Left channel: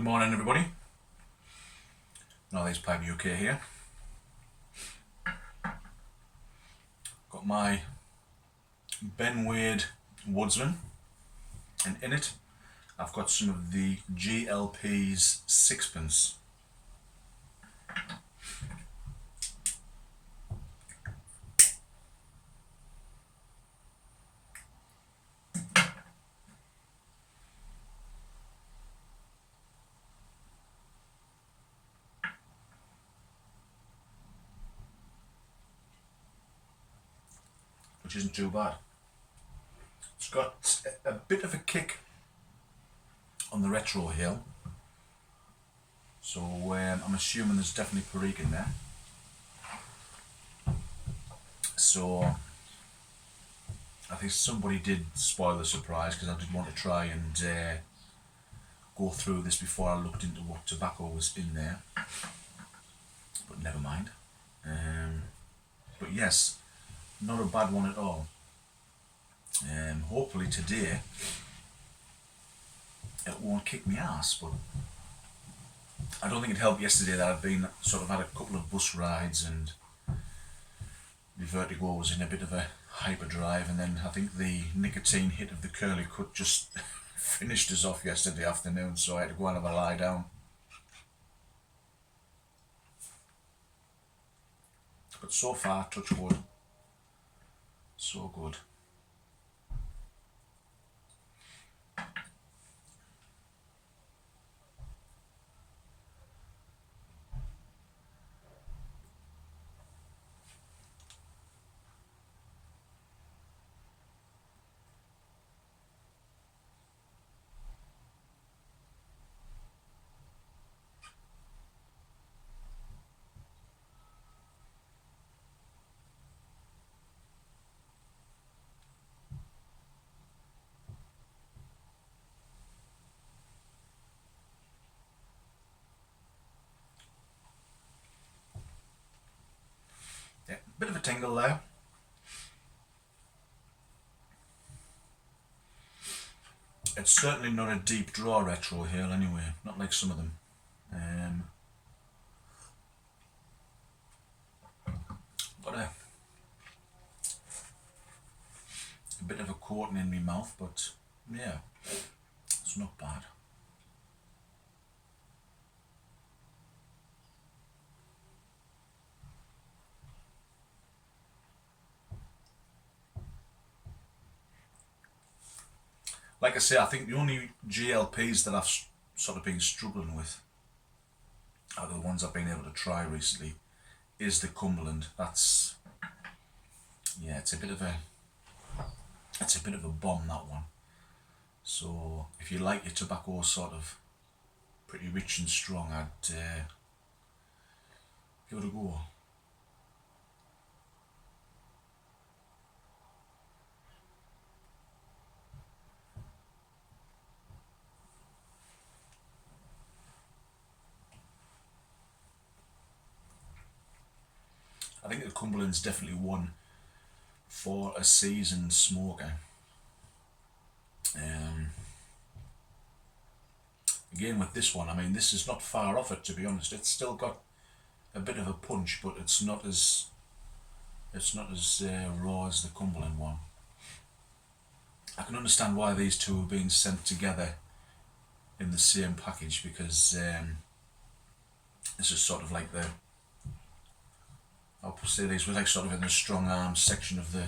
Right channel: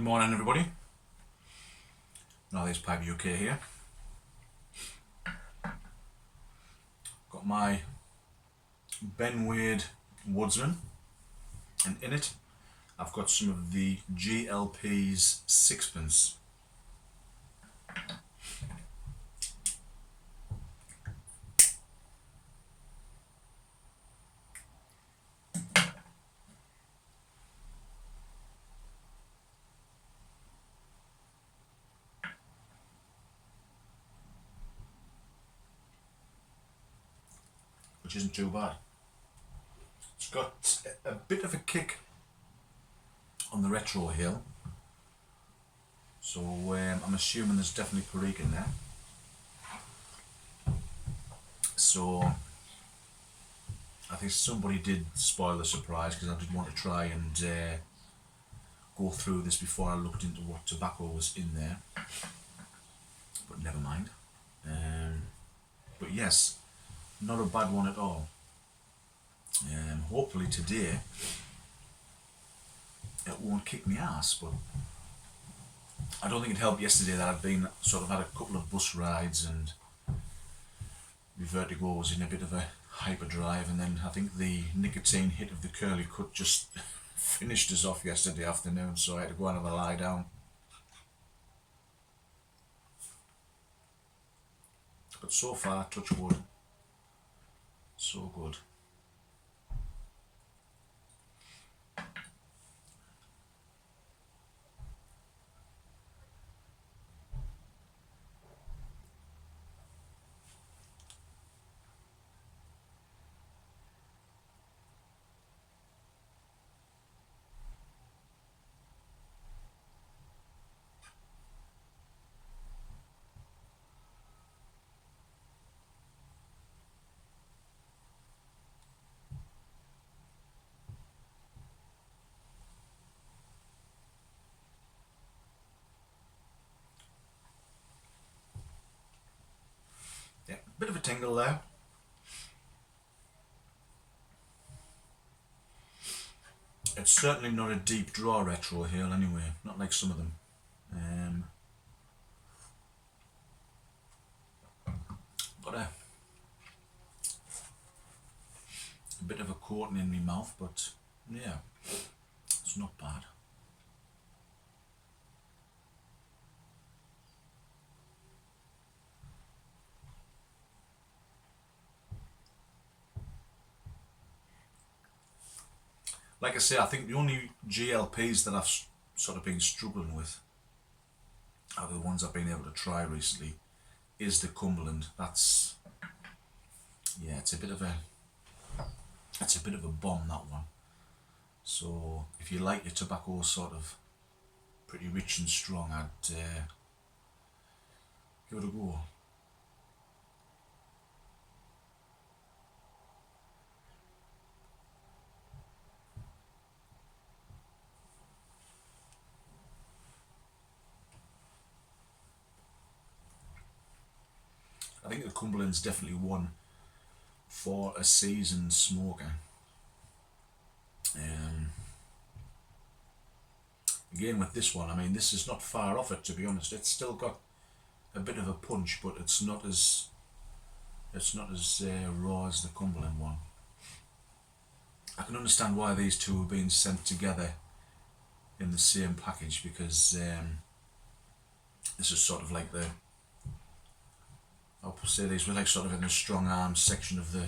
Good morning, everybody. Northeast Pipe UK here. Got my Ben Wade Woodsman, and in it I've got some of the GLP's Sixpence. Which isn't too bad. It's got a bit of a kick on the retro hill, so I'm assuming there's definitely Perique in there. So I think somebody did spoil the surprise, because I did want to try and go through this before I looked into what tobacco was in there, but never mind. But yes, not a bad one at all. Hopefully today it won't kick me ass, but I don't think it helped yesterday that I'd been had a couple of bus rides and the vertigo was in a bit of a hyperdrive, and then I think the nicotine hit of the curly cut just finished us off yesterday afternoon, so I had to go and have a lie down. But so far, touch wood, so good. Yeah, bit of a tingle there. It's certainly not a deep draw retro hill anyway, not like some of them. Got a bit of a coating in my mouth, but yeah, it's not bad. Like I say, I think the only GLPs that I've been struggling with are the ones I've been able to try recently is the Cumberland. That's, yeah, it's a bit of a bomb, that one. So if you like your tobacco pretty rich and strong, I'd give it a go. I think the Cumberland's definitely one for a seasoned smoker. Again with this one, I mean, this is not far off it, to be honest. It's still got a bit of a punch, but it's not as raw as the Cumberland one. I can understand why these two are being sent together in the same package, because this is like the, I'll say these were in the strong arm section of the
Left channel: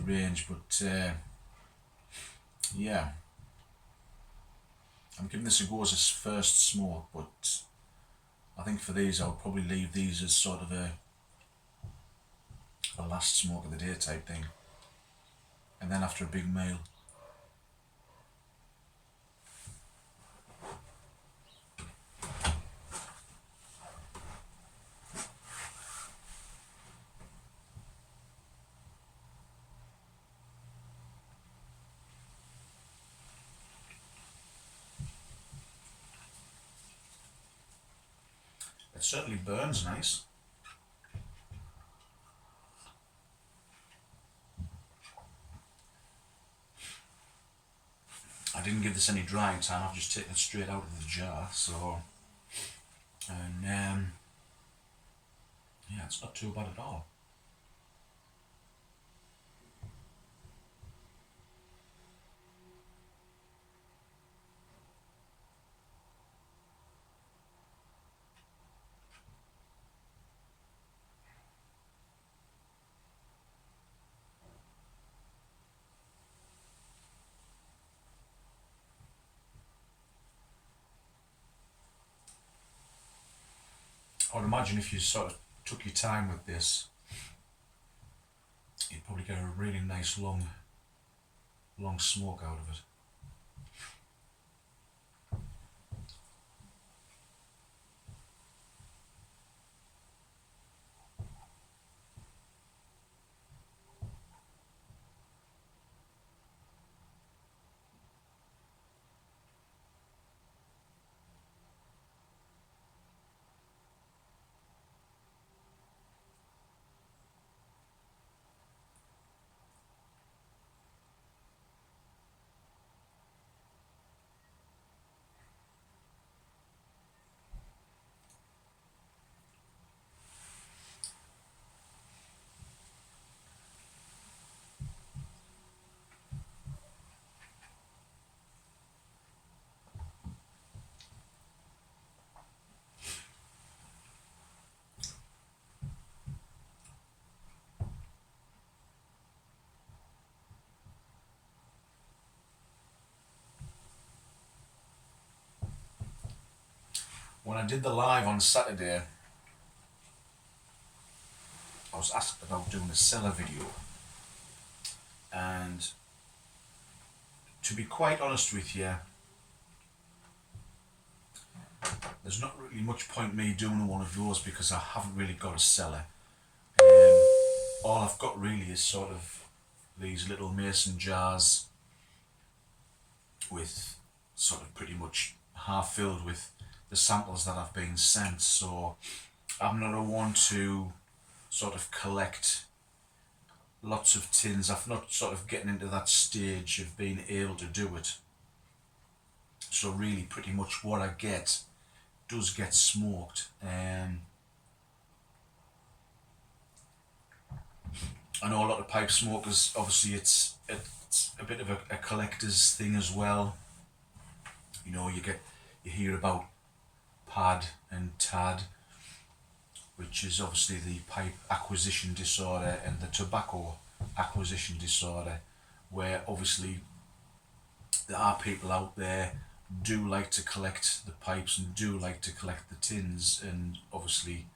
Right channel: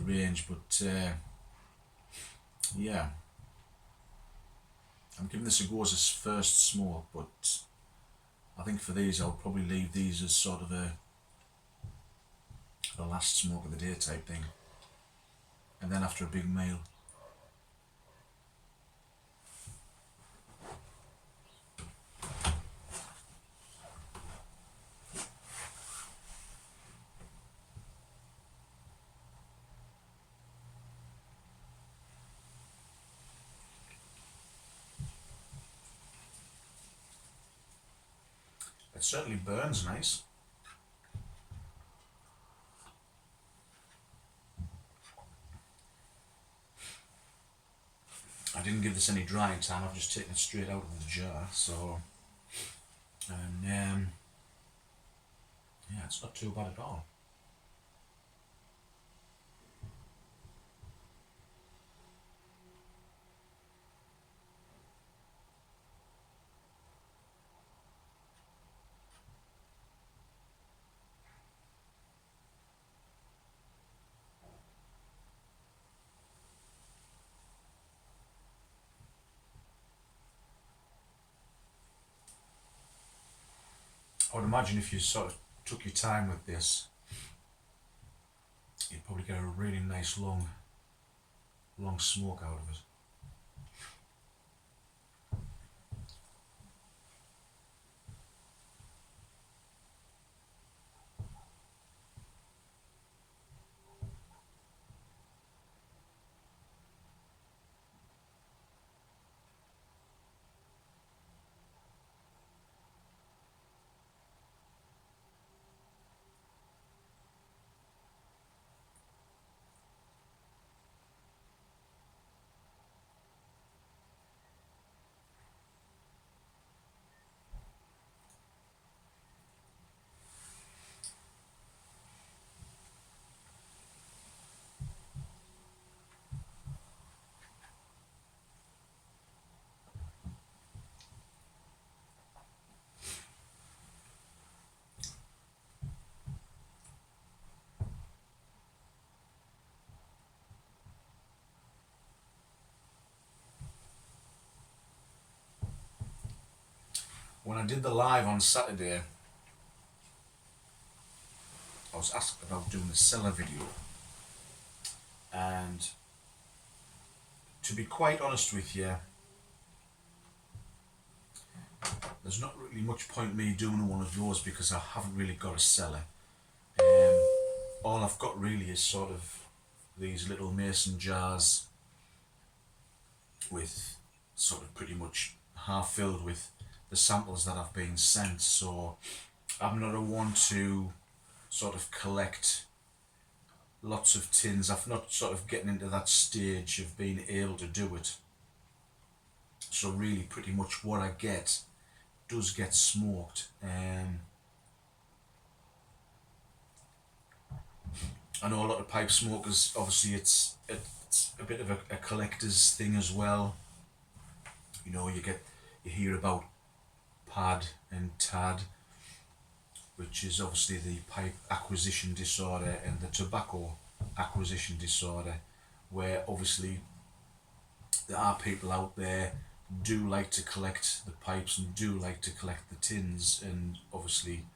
range, but yeah, I'm giving this a go as a first smoke, but I think for these I would probably leave these as a last smoke of the day type thing, and then after a big meal. It certainly burns nice. I didn't give this any drying time. I've just taken it straight out of the jar. So, and yeah, it's not too bad at all. I would imagine if you sort of took your time with this, you'd probably get a really nice long smoke out of it. When I did the live on Saturday, I was asked about doing a cellar video, and to be quite honest with you, there's not really much point me doing one of those because I haven't really got a cellar. All I've got really is sort of these little mason jars with sort of pretty much half filled with the samples that I've been sent. So I'm not a one to sort of collect lots of tins. I've not sort of getting into that stage of being able to do it. So really pretty much what I get does get smoked. I know a lot of pipe smokers, obviously it's a bit of a collector's thing as well. You know, you hear about PAD and TAD, which is obviously the pipe acquisition disorder and the tobacco acquisition disorder, where obviously there are people out there do like to collect the pipes and do like to collect the tins and obviously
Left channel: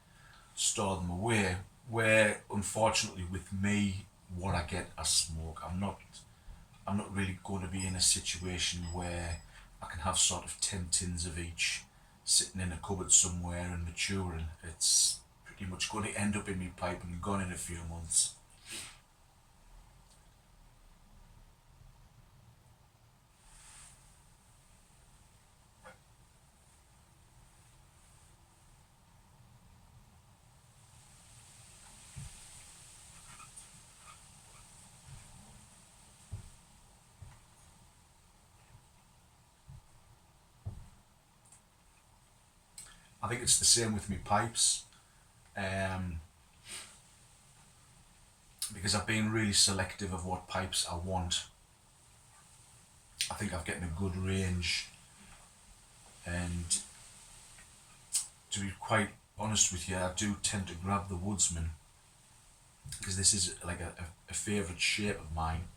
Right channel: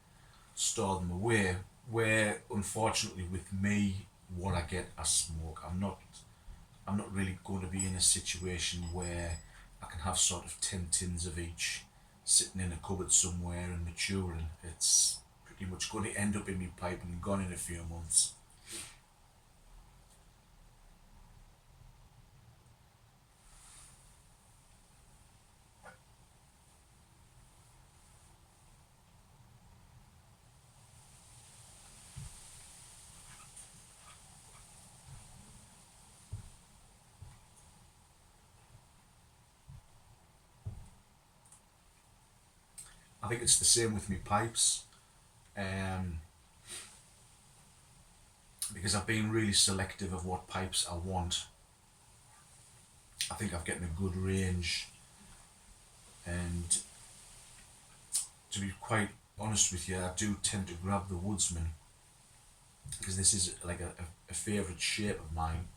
store them away, where unfortunately with me what I get I smoke. I'm not really going to be in a situation where I can have sort of 10 tins of each sitting in a cupboard somewhere and maturing. It's pretty much going to end up in my pipe and gone in a few months. I think it's the same with me pipes, because I've been really selective of what pipes I want. I think I've getting a good range, and to be quite honest with you, I do tend to grab the Woodsman because this is like a favourite shape of mine,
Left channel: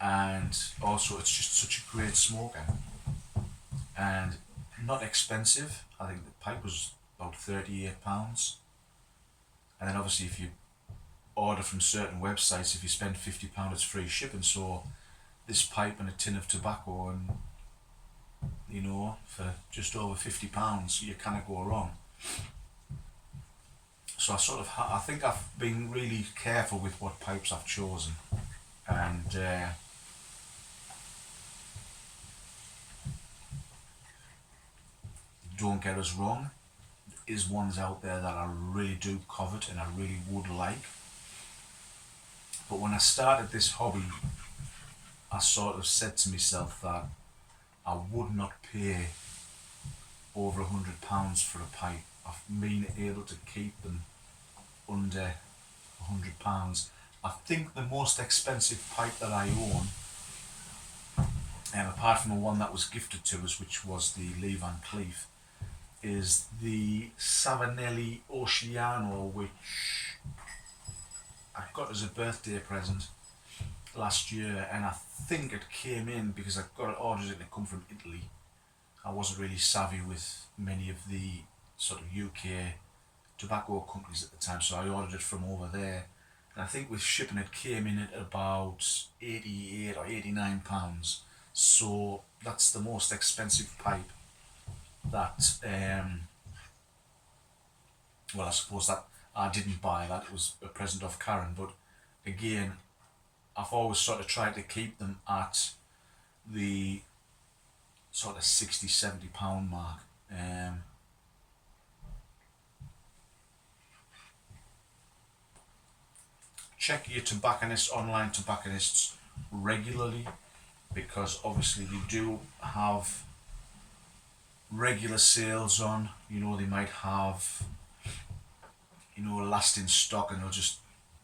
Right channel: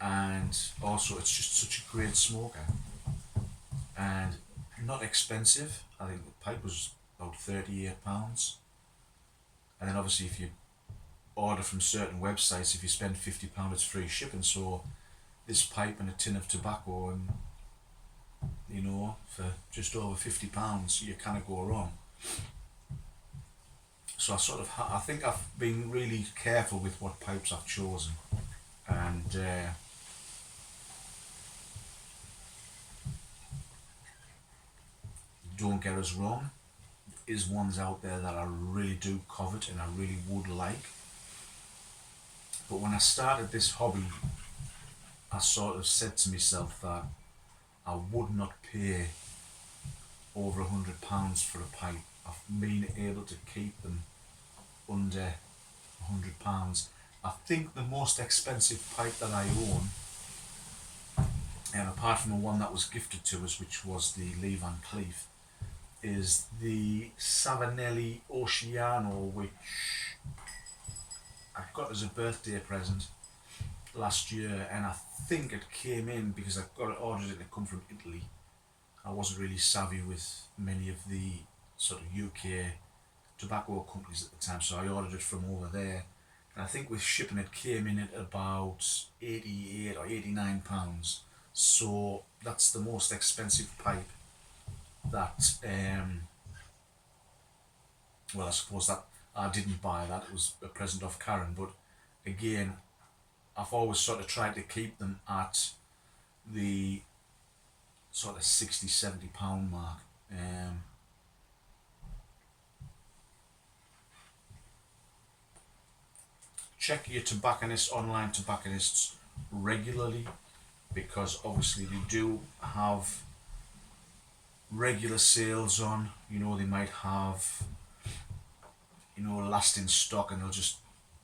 and also it's just such a great smoker and not expensive. I think the pipe was about £38, and then obviously if you order from certain websites, if you spend £50 it's free shipping. So this pipe and a tin of tobacco, and you know, for just over £50 you can't go wrong. So I think I've been really careful with what pipes I've chosen, and don't get us wrong, there is ones out there that I really do covet and I really would like. But when I started this hobby, I sort of said to myself that I would not pay over £100 for a pipe. I've been able to keep them under £100. I think the most expensive pipe that I own, apart from the one that was gifted to us, which was the Lee Van Cleef, is the Savinelli Oceano, which I got as a birthday present last year, and I think it came in because I got it ordered and it come from Italy. I wasn't really savvy with many of the sort of UK tobacco companies at the time, so I ordered it from over there. And I think with shipping it came in at about 88 or £89. So that's the most expensive pipe that well, I suppose that I didn't buy that, it was a present off Karen, but again, I've always sort of tried to keep them at the sort of £60-70 mark. Check your tobacconists, online tobacconists, regularly, because obviously they do have regular sales on. You know, they might have, you know, last in stock, and they'll just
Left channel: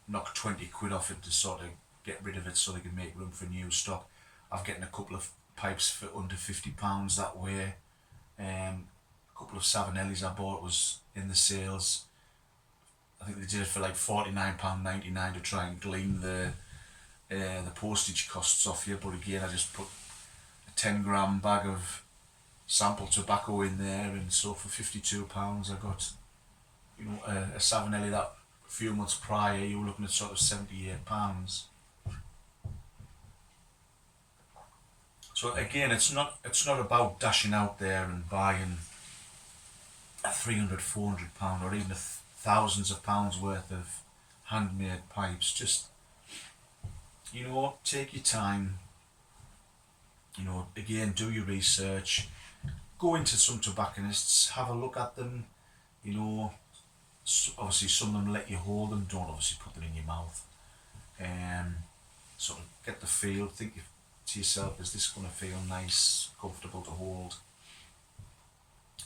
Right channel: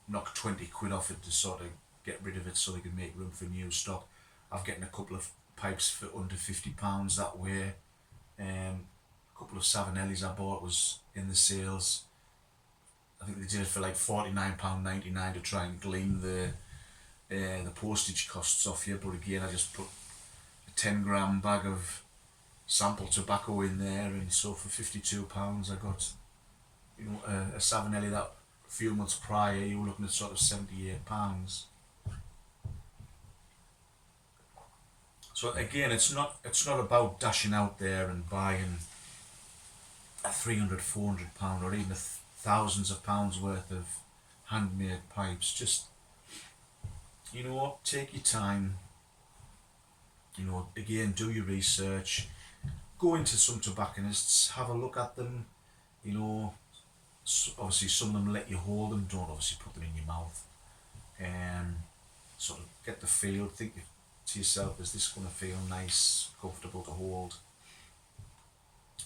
knock 20 quid off it to sort of get rid of it so they can make room for new stock. I've getting a couple of pipes for under £50 that way. A couple of Savinellis I bought was in the sales. I think they did it for like £49.99 to try and glean the postage costs off you. But again, I just put a 10-gram bag of sample tobacco in there, and so for £52 I got, you know, a Savinelli that a few months prior you were looking at sort of £78. So again, it's not about dashing out there and buying a £300, £400 or even thousands of pounds worth of handmade pipes. Just, you know, take your time. You know, again, do your research. Go into some tobacconists, have a look at them. You know, obviously some of them let you hold them. Don't obviously put them in your mouth. Sort of get the feel. Think to yourself, is this going to feel nice, comfortable to hold?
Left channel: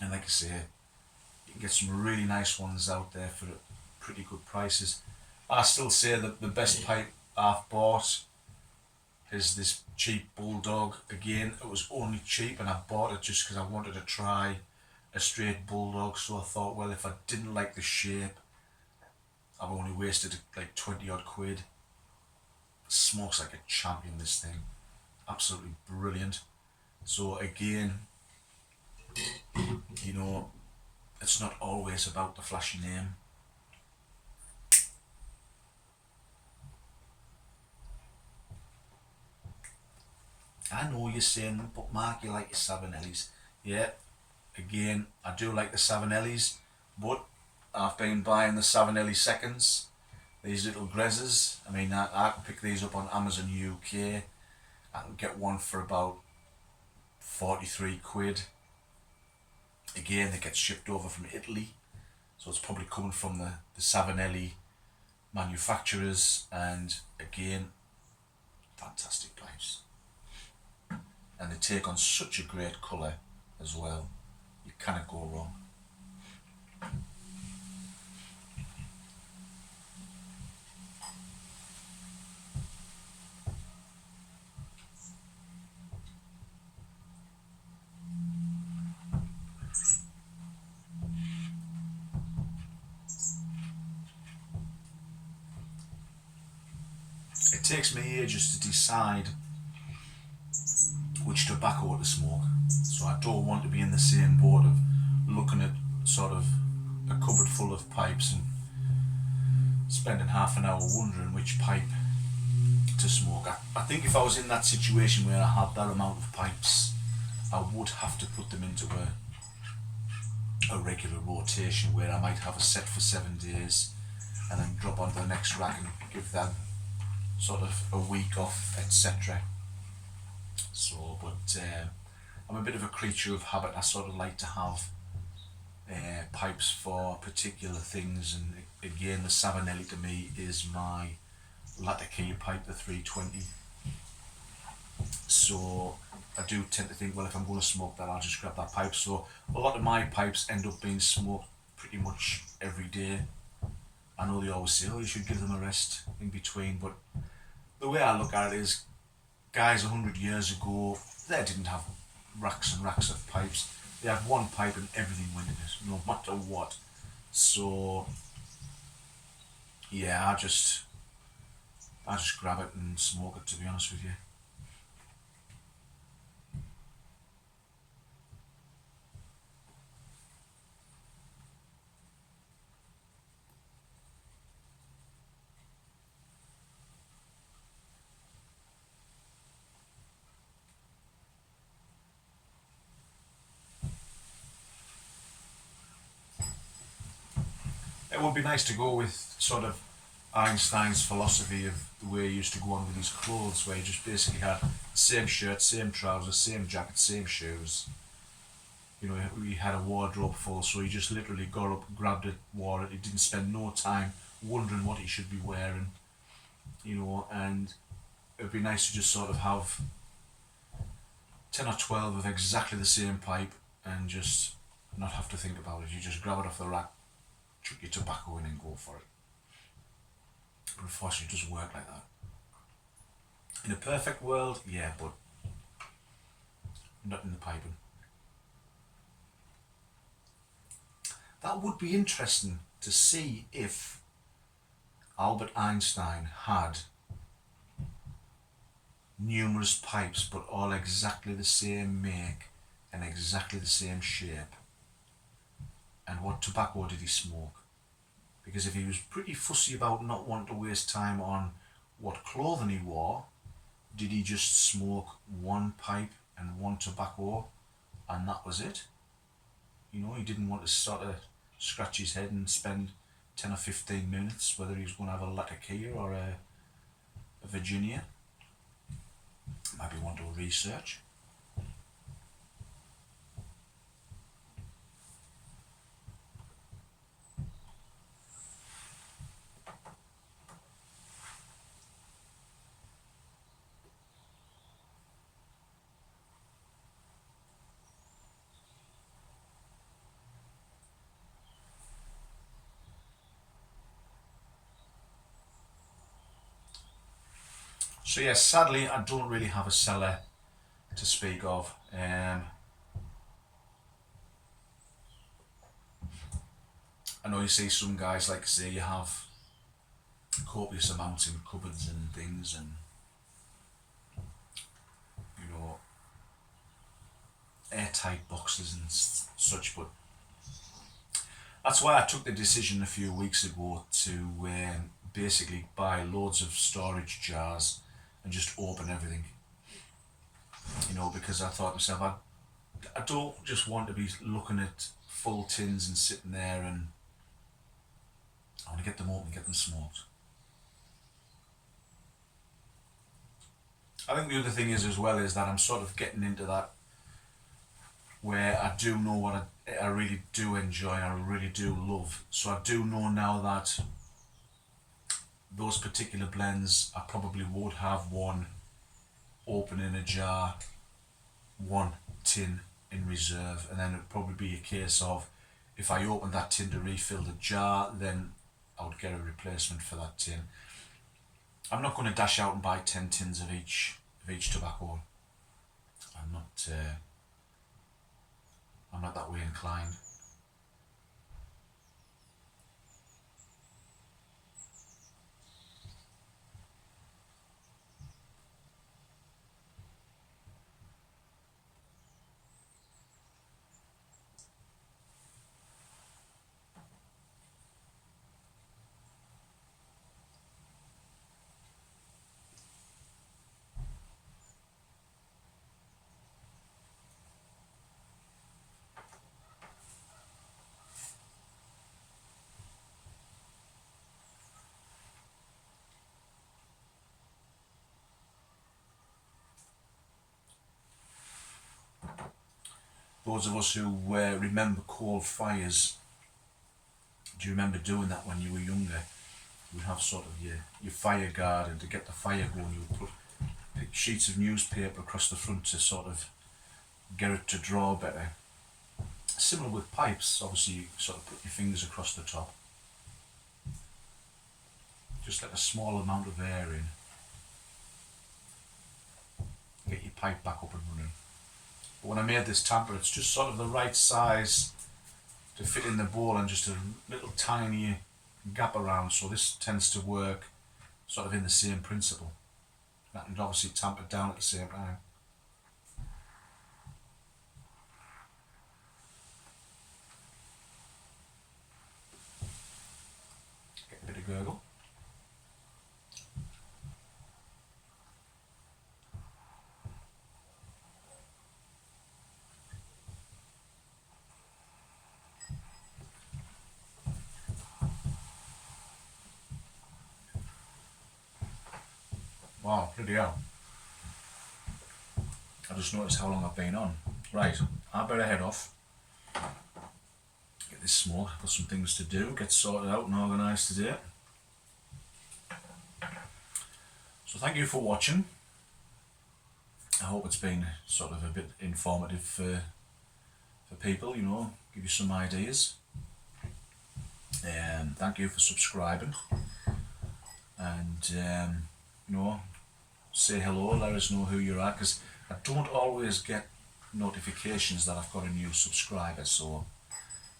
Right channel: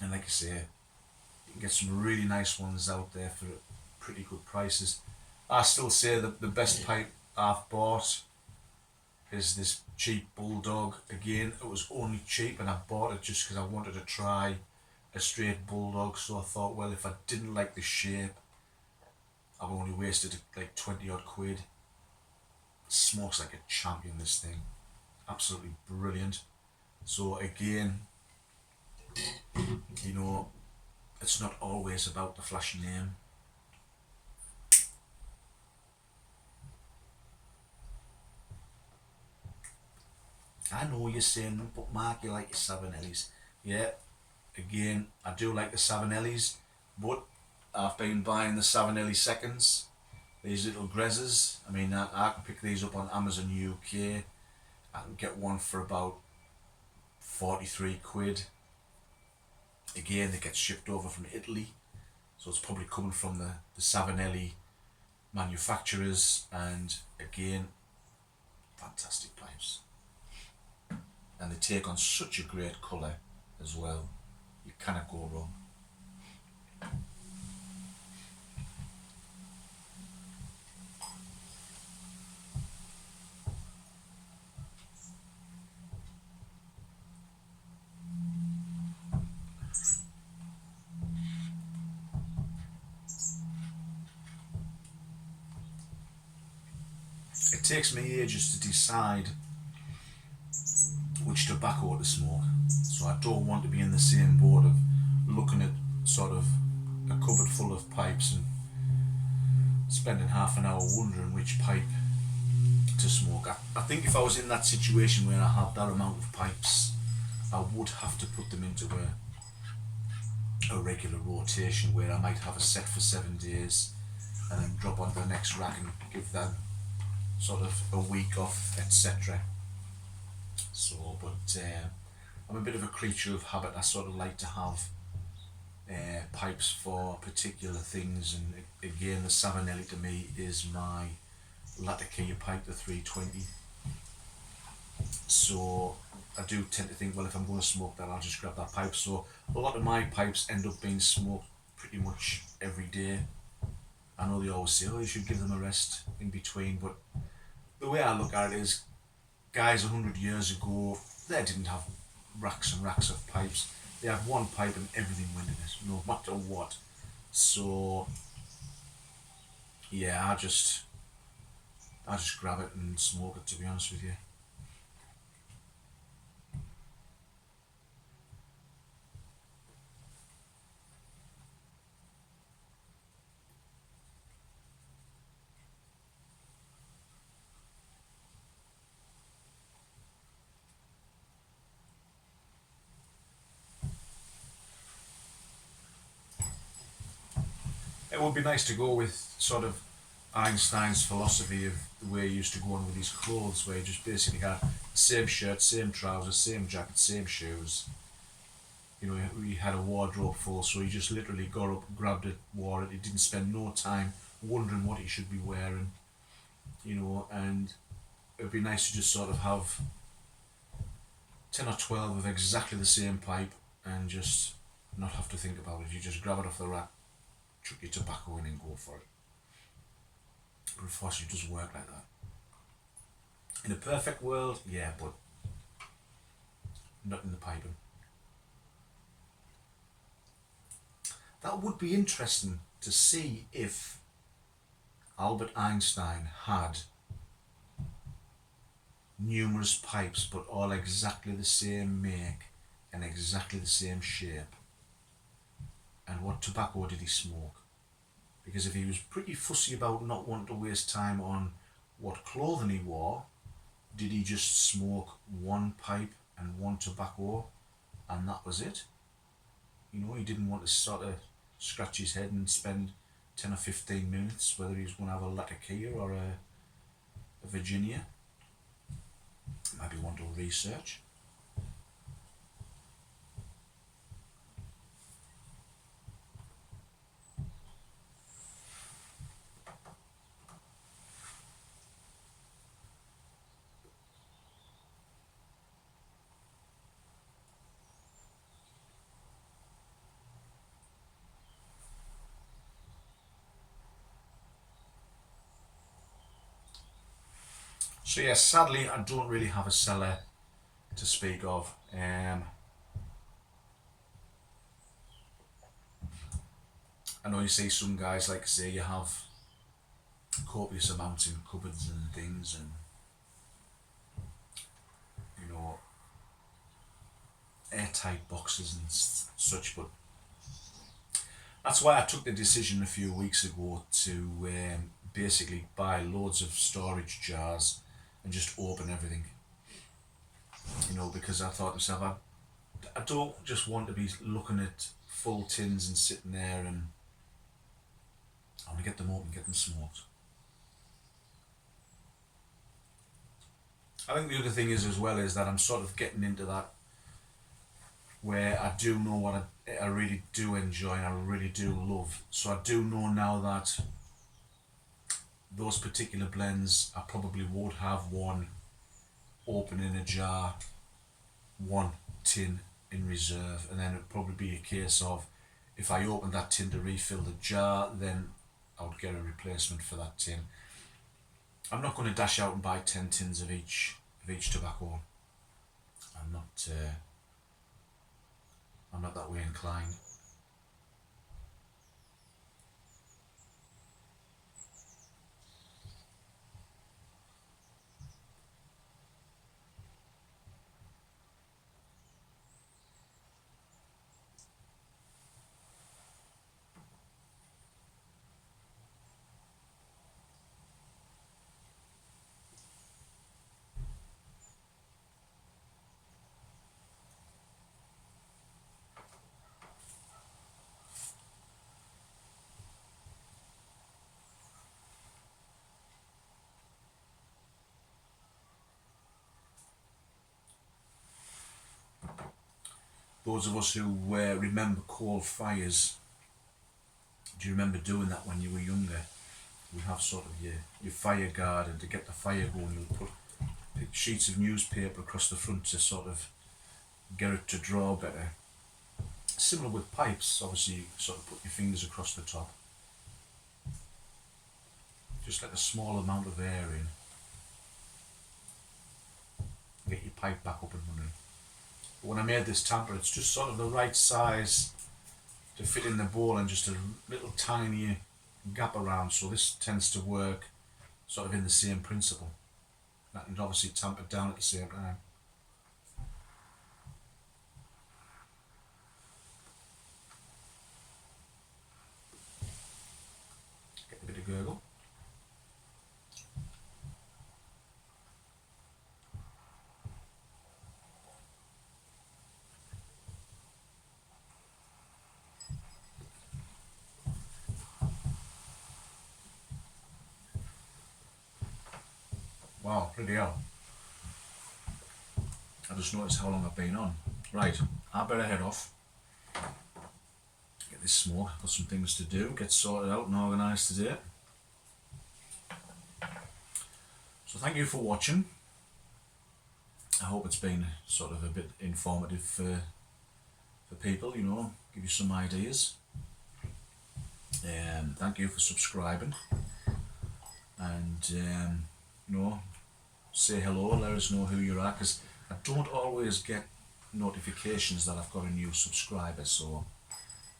And like I say, you can get some really nice ones out there for pretty good prices. I still say that the best pipe I've bought is this cheap Bulldog. Again, it was only cheap, and I bought it just because I wanted to try a straight Bulldog. So I thought, well, if I didn't like the shape, I've only wasted like 20 odd quid. Smokes like a champion, this thing. Absolutely brilliant. So again, you know, it's not always about the flashy name. I know you're saying, but Mark, you like your Savinellis. Yeah, again, I do like the Savinellis, but I've been buying the Savinelli seconds, these little Grezzes. I mean, I can pick these up on Amazon UK. I can get one for about 43 quid. Again, it gets shipped over from Italy, so it's probably coming from the Savinelli manufacturers, and again, fantastic pipes. And they take on such a great colour as well. You cannot go wrong. It takes me ages to decide which tobacco to smoke, so I don't want to be in the same boat of looking at sort of a cupboard full of pipes and spending half an hour wondering which pipe to smoke. I think if I was in that situation where I had that amount of pipes, I would have to put them into a regular rotation where I might have a set for 7 days and then drop onto the next rack and give them sort of a week off, etc. So, but I'm a bit of a creature of habit. I sort of like to have pipes for particular things, and again, the Savinelli to me is my Latakia pipe, the 320. So I do tend to think, well, if I'm going to smoke that, I'll just grab that pipe. So a lot of my pipes end up being smoked pretty much every day. I know they always say, oh, you should give them a rest in between, but the way I look at it is, guys 100 years ago, they didn't have racks and racks of pipes. They had one pipe and everything went in it, no matter what. So yeah, I just grab it and smoke it, to be honest with you. It would be nice to go with sort of Einstein's philosophy of the way he used to go on with his clothes, where he just basically had the same shirt, same trousers, same jacket, same shoes. You know, he had a wardrobe full, so he just literally got up, grabbed it, wore it. He didn't spend no time wondering what he should be wearing, you know, and it'd be nice to just sort of have 10 or 12 of exactly the same pipe and just not have to think about it. You just grab it off the rack, chuck your tobacco in and go for it. But unfortunately, it doesn't work like that. In a perfect world, yeah, but not in the piping. That would be interesting to see if Albert Einstein had numerous pipes but all exactly the same make and exactly the same shape, and what tobacco did he smoke. Because if he was pretty fussy about not wanting to waste time on what clothing he wore, did he just smoke one pipe and one tobacco and that was it? You know, he didn't want to sort of scratch his head and spend 10 or 15 minutes whether he was going to have a Latakia or a Virginia. Maybe want to research. So yes, sadly I don't really have a cellar to speak of. I know you see some guys, like say, you have copious amounts in cupboards and things, and you know, airtight boxes and such. But that's why I took the decision a few weeks ago to basically buy loads of storage jars and just open everything. You know, because I thought to myself, I don't just want to be looking at full tins and sitting there, and I want to get them open, get them smoked. I think the other thing is as well is that I'm sort of getting into that where I do know what I really do enjoy and I really do love. So I do know now that those particular blends I probably would have one open in a jar, one tin in reserve, and then it'd probably be a case of if I opened that tin to refill the jar, then I would get a replacement for that tin. I'm not going to dash out and buy 10 tins of each tobacco. I'm not. I'm not that way inclined. Those of us who remember coal fires, do you remember doing that when you were younger? You would have sort of your fire guard, and to get the fire going, you would put sheets of newspaper across the front to sort of get it to draw better. Similar with pipes, obviously you sort of put your fingers across the top. Just let a small amount of air in. Get your pipe back up and running. But when I made this tamper, it's just sort of the right size to fit in the bowl and just a little tiny gap around, so this tends to work sort of in the same principle. That can obviously tamper down at the same time. Get a bit of gurgle. Wow, pretty hell. I just noticed how long I've been on. Right, I better head off. Get this smoke, I've got some things to do, get sorted out and organised today. So thank you for watching. I hope it's been sort of a bit informative for people, you know, give you some ideas. Thank you for subscribing, and you know, say hello, let us know who you are, because I don't always get notifications that I've got a new subscriber. So,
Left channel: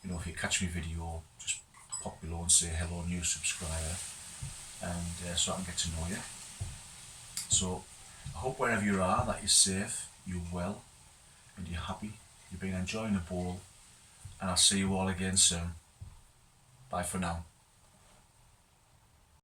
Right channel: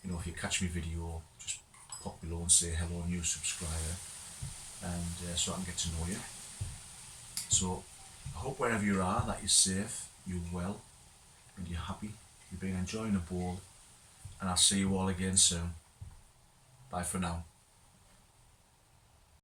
you know, if you catch my video, just pop below and say hello, new subscriber, and so I can get to know you. So I hope wherever you are that you're safe, you're well, and you're happy, you've been enjoying the bowl, and I'll see you all again soon. Bye for now.